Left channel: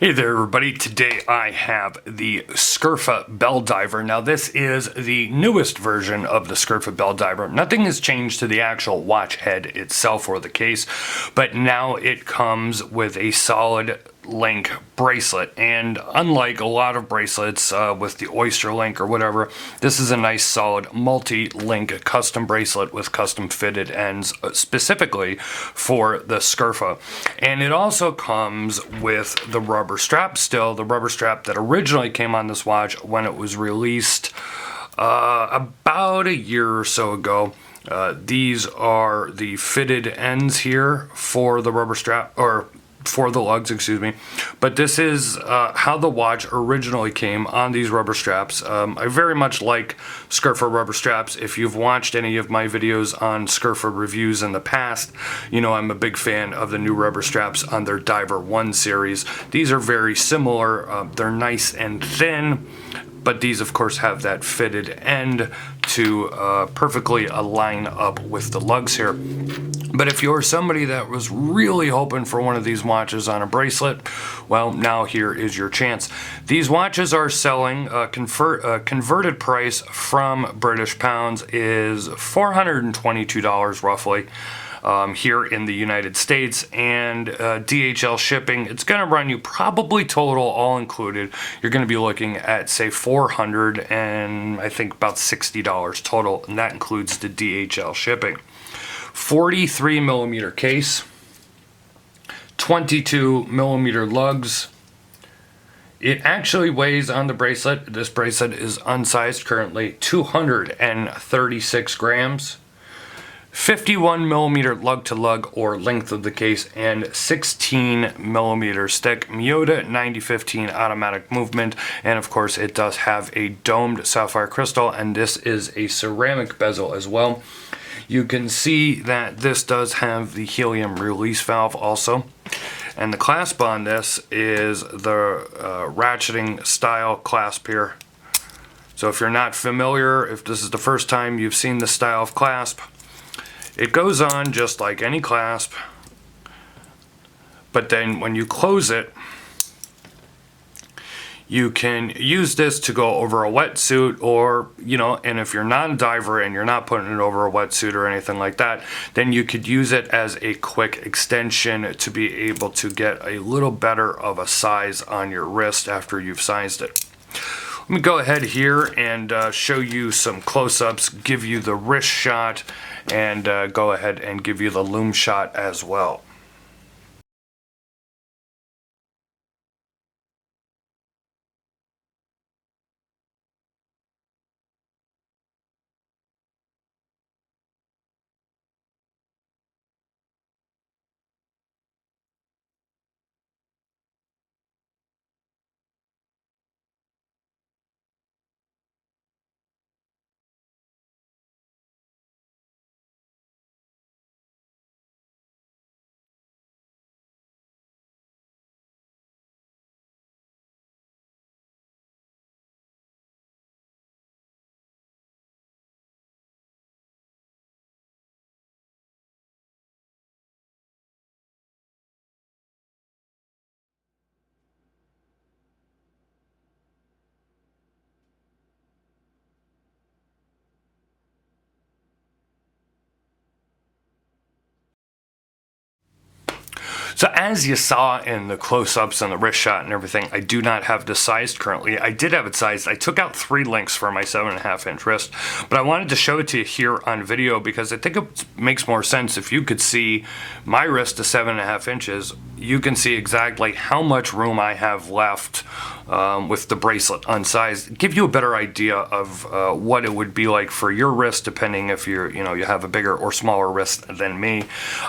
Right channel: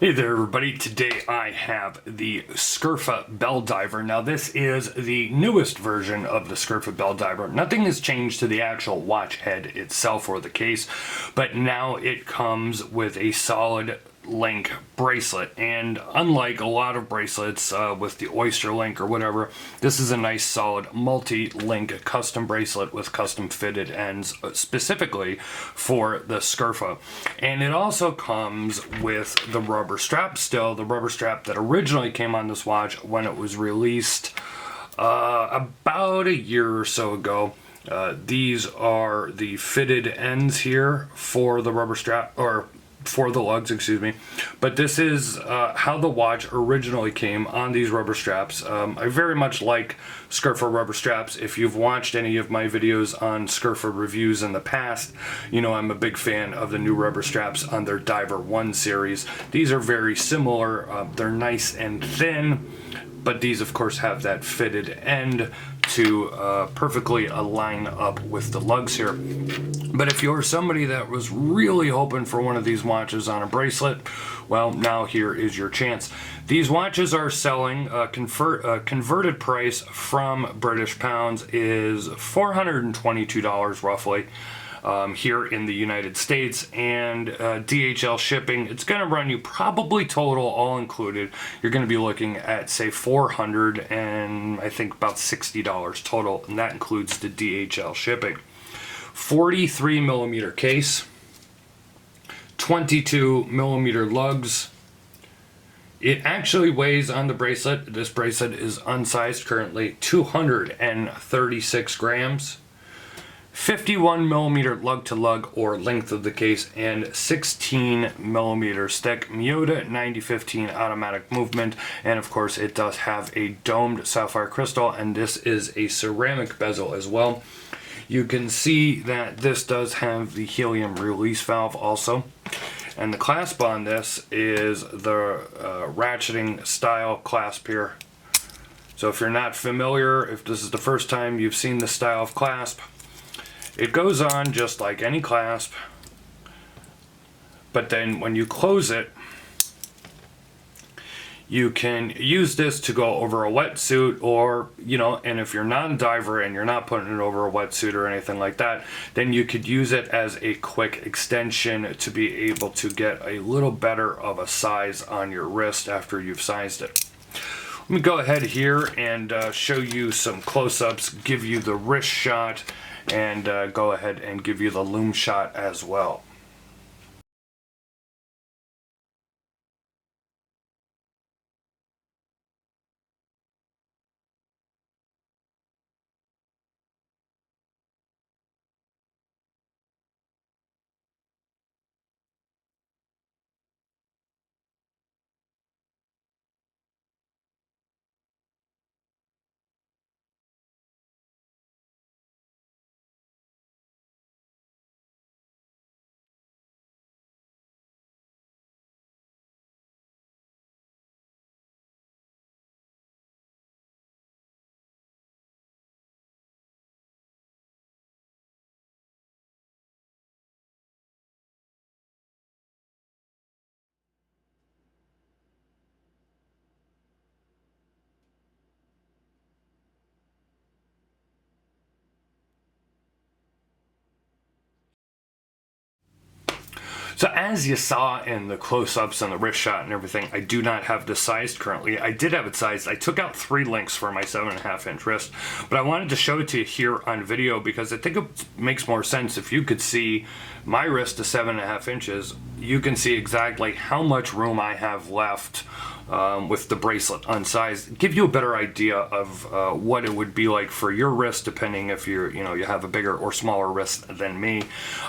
Hey there everybody, today I have the Scurfa Bell Diver. Now this is the newest version of the Scurfa Bell Diver. Nothing has changed to the actual watch head itself or the case, but now it comes with a solid link bracelet, and unlike a lot of bracelets with the Oyster link or whatever, this is a nice solid multi-link custom bracelet with custom fitted ends specifically for the Scurfa. And it also comes with the rubber strap still, the rubber strap that originally came on this watch when it was released about a year or so ago. These are the fitted ends here for the rubber strap, or for the lugs, excuse me. But this is how the watch originally came on these rubber straps. I very much like Scurfa rubber straps. If you've watched any of my videos on Scurfa reviews in the past, you know I'm a big fan of the new rubber straps on their Diver 1 series. These are very similar. They're nice and thin, but these of course have that fitted end to perfectly align up with the lugs here. But if you're somebody that was really hoping for one of these watches on a bracelet, well, now here is your chance. These watches are selling, converted price from British pounds is $422 roughly. Here in the United States, and DHL shipping, it's going to run you probably total all included, you're going to be looking at say $400 and I think about $60 total, and that includes the DHL shipping. 43 millimeter case, 22 millimeter lugs. It actually weighs on the bracelet, this bracelet is unsized currently, 236 grams. 51 millimeter lug to lug or length of the case, and 16 millimeter stick. Miyota 9015 automatic movement, and of course it does have a domed sapphire crystal, and this is a ceramic bezel as well. You can see that this does have the helium release valve also, and the clasp on this is the ratcheting style clasp here. So if you're not familiar, if this is the first time you've seen the style of clasp, it goes on just like any clasp, but then when you close it, you can use this to go over a wetsuit, or, you know, and if you're not a diver and you're not putting it over a wetsuit or anything like that, then you could use it as a quick extension to be able to get a little better of a size on your wrist after you've sized it. Let me go ahead here and show you some close-ups, give you the wrist shot, and go ahead and give you the loom shot as well. So as you saw in the close-ups and the wrist shot and everything, I do not have this sized currently. I did have it sized. I took out 3 links for my 7.5 inch wrist, but I wanted to show it to you here on video because I think it makes more sense. If you could see my wrist to 7.5 inches, you can see exactly how much room I have left with the bracelet unsized. Give you a better idea of what it would be like for your wrist, depending if you're, you know, you have a bigger or smaller wrist than me.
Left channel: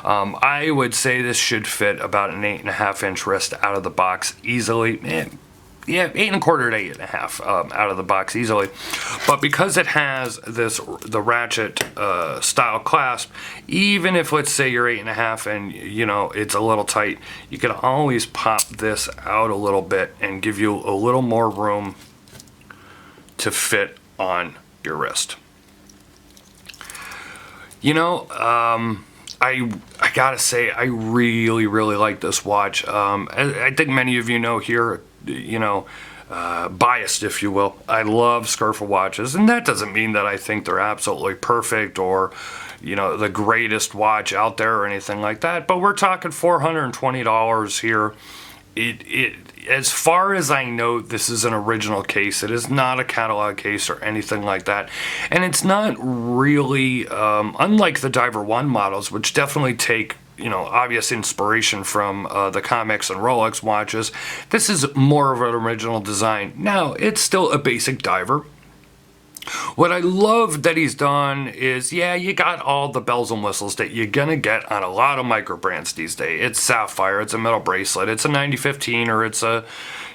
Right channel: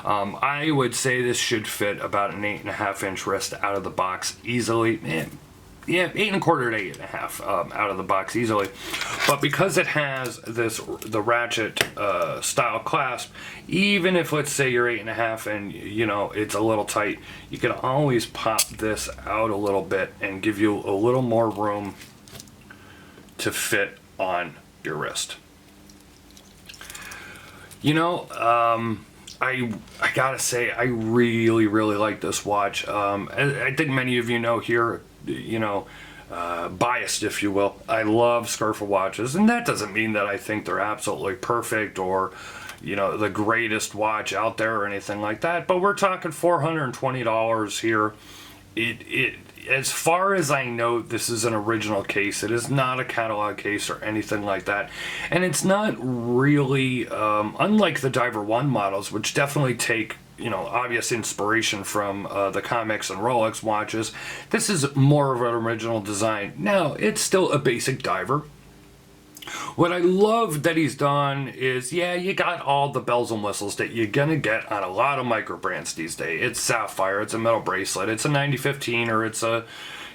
I would say this should fit about an 8.5 inch wrist out of the box easily. Yeah, 8 1/4 to 8 1/2 out of the box easily. But because it has the ratchet style clasp, even if let's say you're 8 1/2 and you know it's a little tight, you can always pop this out a little bit and give you a little more room to fit on your wrist. You know, I gotta say, I really, really like this watch. I think many of you know here, biased, if you will. I love Scurfa watches, and that doesn't mean that I think they're absolutely perfect or, the greatest watch out there or anything like that. But we're talking $420 here. As far as I know, this is an original case. It is not a catalog case or anything like that. And it's not really, unlike the Diver 1 models, which definitely take, obvious inspiration from the Comex and Rolex watches. This is more of an original design. Now, it's still a basic diver. What I love that he's done is, yeah, you got all the bells and whistles that you're gonna get on a lot of micro brands these days. It's sapphire, it's a metal bracelet, it's a 9015, or it's a,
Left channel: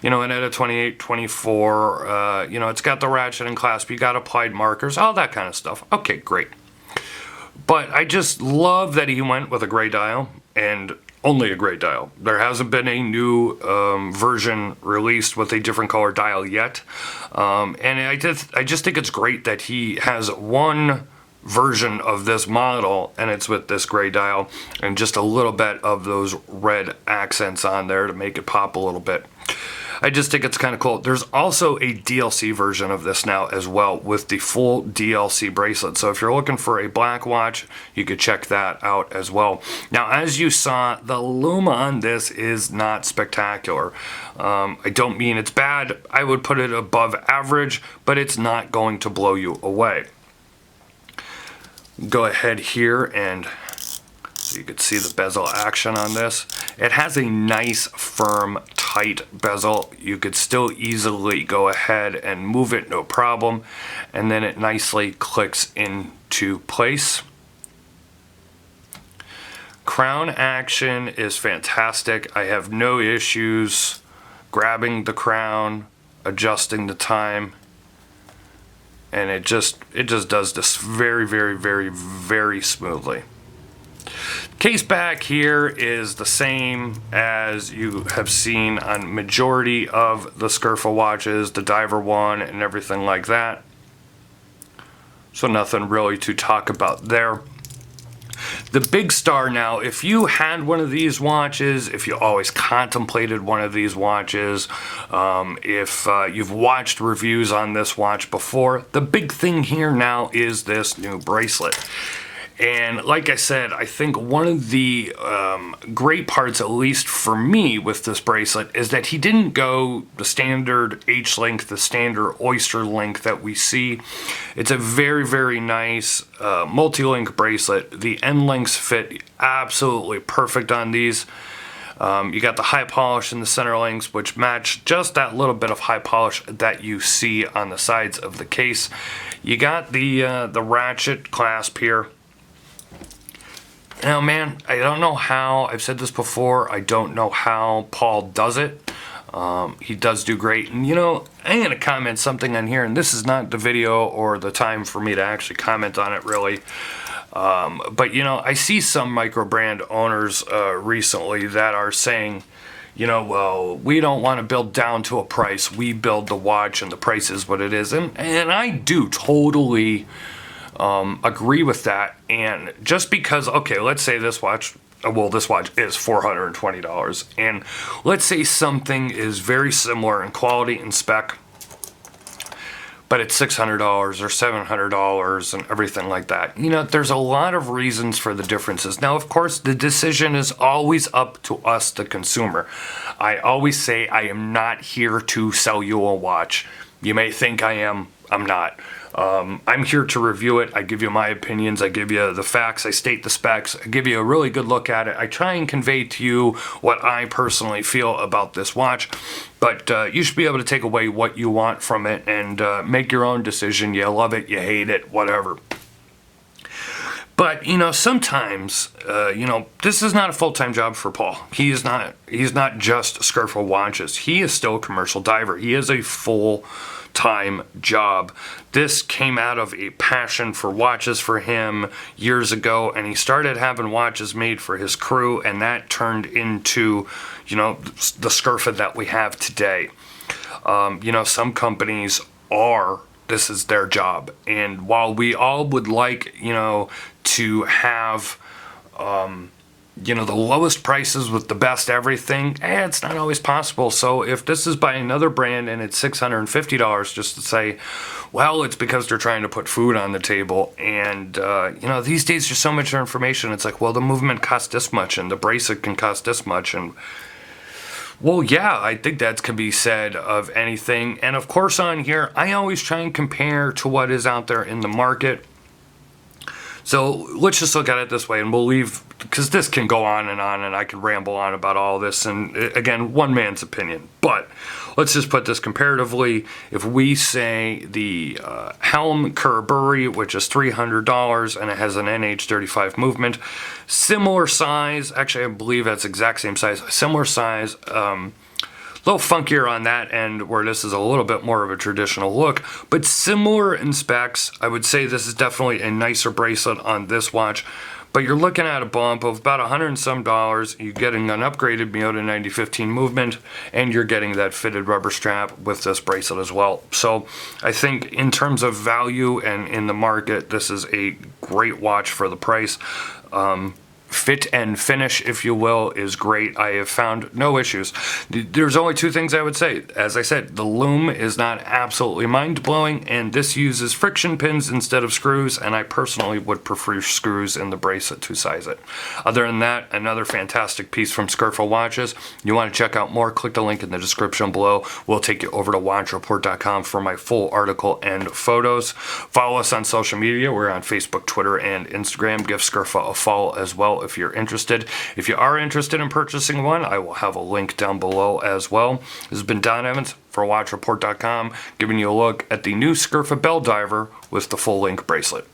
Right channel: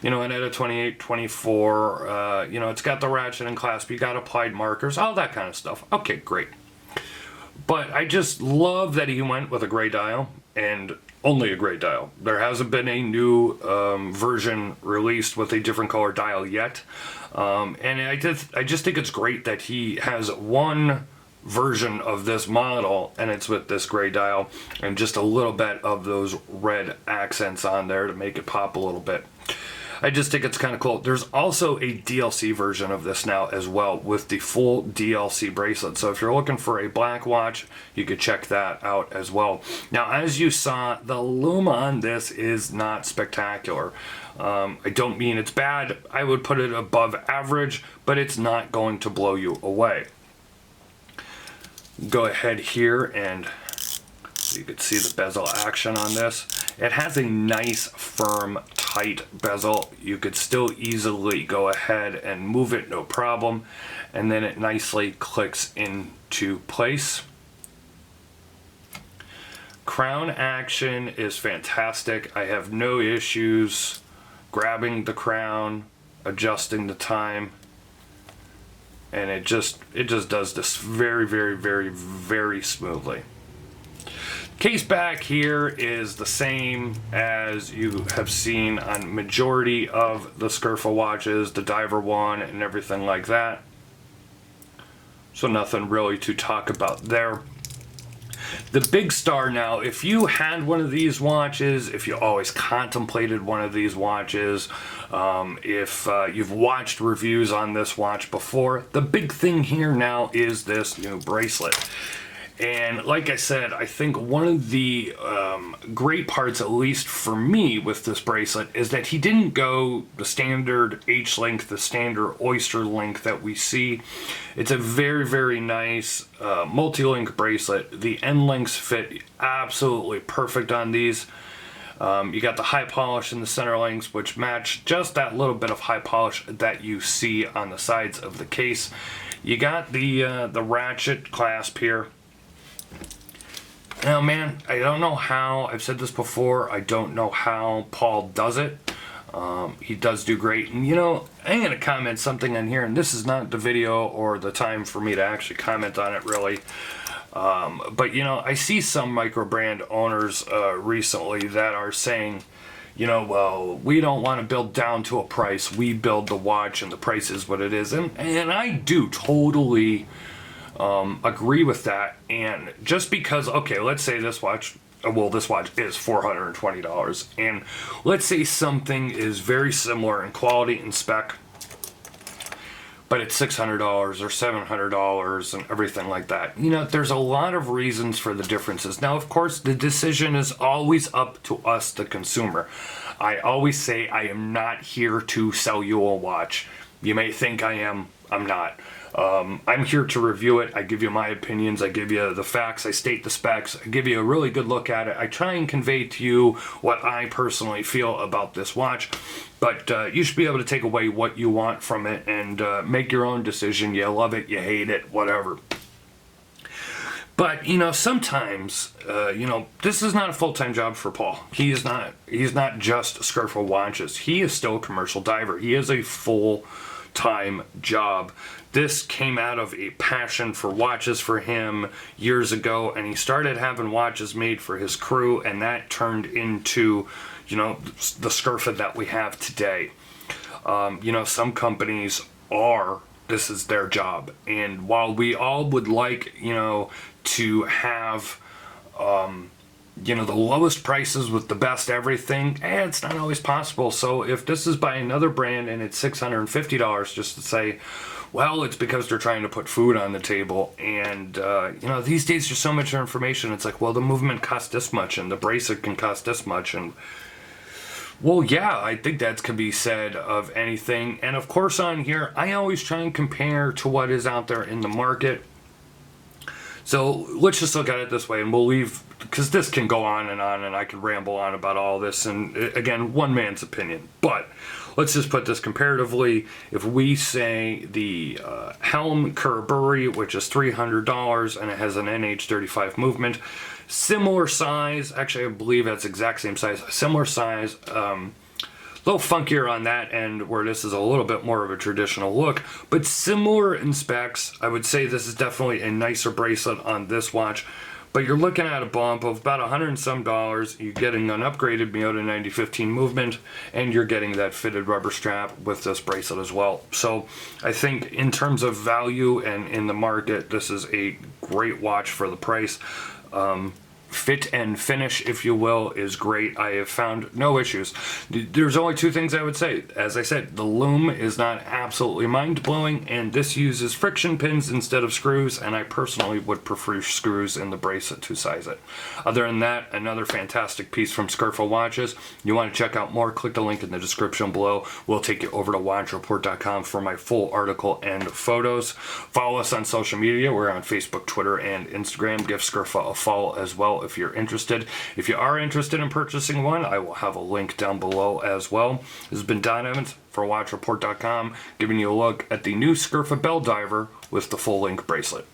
an ETA 2824. It's got the ratchet and clasp, you got applied markers, all that kind of stuff. Okay, great. But I just love that he went with a gray dial, and only a gray dial. There hasn't been a new version released with a different color dial yet. And I just think it's great that he has one version of this model, and it's with this gray dial and just a little bit of those red accents on there to make it pop a little bit. I just think it's kind of cool. There's also a DLC version of this now as well with the full DLC bracelet. So if you're looking for a black watch, you could check that out as well. Now, as you saw, the Luma on this is not spectacular. I don't mean it's bad. I would put it above average, but it's not going to blow you away. Go ahead here and you can see the bezel action on this. It has a nice, firm, tight bezel. You could still easily go ahead and move it, no problem. And then it nicely clicks into place. Crown action is fantastic. I have no issues grabbing the crown, adjusting the time. And it just does this very, very, very, very smoothly. Case back here is the same as you have seen on majority of the Scurfa watches, the Diver 1 and everything like that. So nothing really to talk about there. The big star now, if you had one of these watches, if you always contemplated one of these watches, if you've watched reviews on this watch before, the big thing here now is this new bracelet. And like I said, I think one of the great parts, at least for me, with this bracelet is that he didn't go the standard H-link, the standard oyster link that we see. It's a very, very nice multi-link bracelet. The end links fit absolutely perfect on these. You got the high polish in the center links, which match just that little bit of high polish that you see on the sides of the case. You got the ratchet clasp here. Now, man, I don't know how, I've said this before, I don't know how Paul does it. He does do great. And, I'm going to comment something on here, and this is not the video or the time for me to actually comment on it, really. But, I see some micro brand owners recently that are saying, well, we don't want to build down to a price. We build the watch, and the price is what it is. And I do totally agree with that. And just because, okay, let's say this watch is $420, and let's say something is very similar in quality and spec, but it's $600 or $700 and everything like that. There's a lot of reasons for the differences. Now, of course, the decision is always up to us, the consumer. I always say I am not here to sell you a watch. You may think I am, I'm not. I'm here to review it. I give you my opinions. I give you the facts. I state the specs. I give you a really good look at it. I try and convey to you what I personally feel about this watch. But you should be able to take away what you want from it and make your own decision. You love it, you hate it, whatever. But, sometimes, this is not a full-time job for Paul. He's not just Scurfa watches. He is still a commercial diver. He is a full-time job. This came out of a passion for watches for him years ago, and he started having watches made for his crew, and that turned into, the Scurfa that we have today. Some companies this is their job. And while we all would like, to have you know, the lowest prices with the best everything, it's not always possible. So if this is by another brand and it's $650, just to say, well, it's because they're trying to put food on the table. And, you know, these days there's so much information. It's like, well, the movement costs this much and the bracelet can cost this much. And, well, yeah, I think that can be said of anything. And of course on here, I always try and compare to what is out there in the market. So let's just look at it this way, and we'll leave, because this can go on, and I could ramble on about all this, and again, one man's opinion. But let's just put this comparatively. If we say the Helm Kerr-Bury, which is $300, and it has an NH35 movement, similar size, actually I believe that's exact same size, similar size, a little funkier on that end, where this is a little bit more of a traditional look, but similar in specs. I would say this is definitely a nicer bracelet on this watch, but you're looking at a bump of about $100 and some. You're getting an upgraded Miyota 9015 movement, and you're getting that fitted rubber strap with this bracelet as well. So I think in terms of value and in the market, this is a great watch for the price. Fit and finish, if you will, is great. I have found no issues. There's only two things I would say. As I said, the loom is not absolutely mind-blowing, and this uses friction pins instead of screws, and I personally would prefer screws in the bracelet to size it. Other than that, another fantastic piece from Scurfa Watches. You want to check out more, click the link in the description below. We'll take you over to watchreport.com for my full article and photos. Follow us on social media. We're on Facebook, Twitter, and Instagram. Give Scurfa a follow as well if you're interested. If you are interested in purchasing one, I will have a link down below as well. This has been Don Evans for watchreport.com, giving you a look at the new Scurfa Bell Diver with the full link bracelet.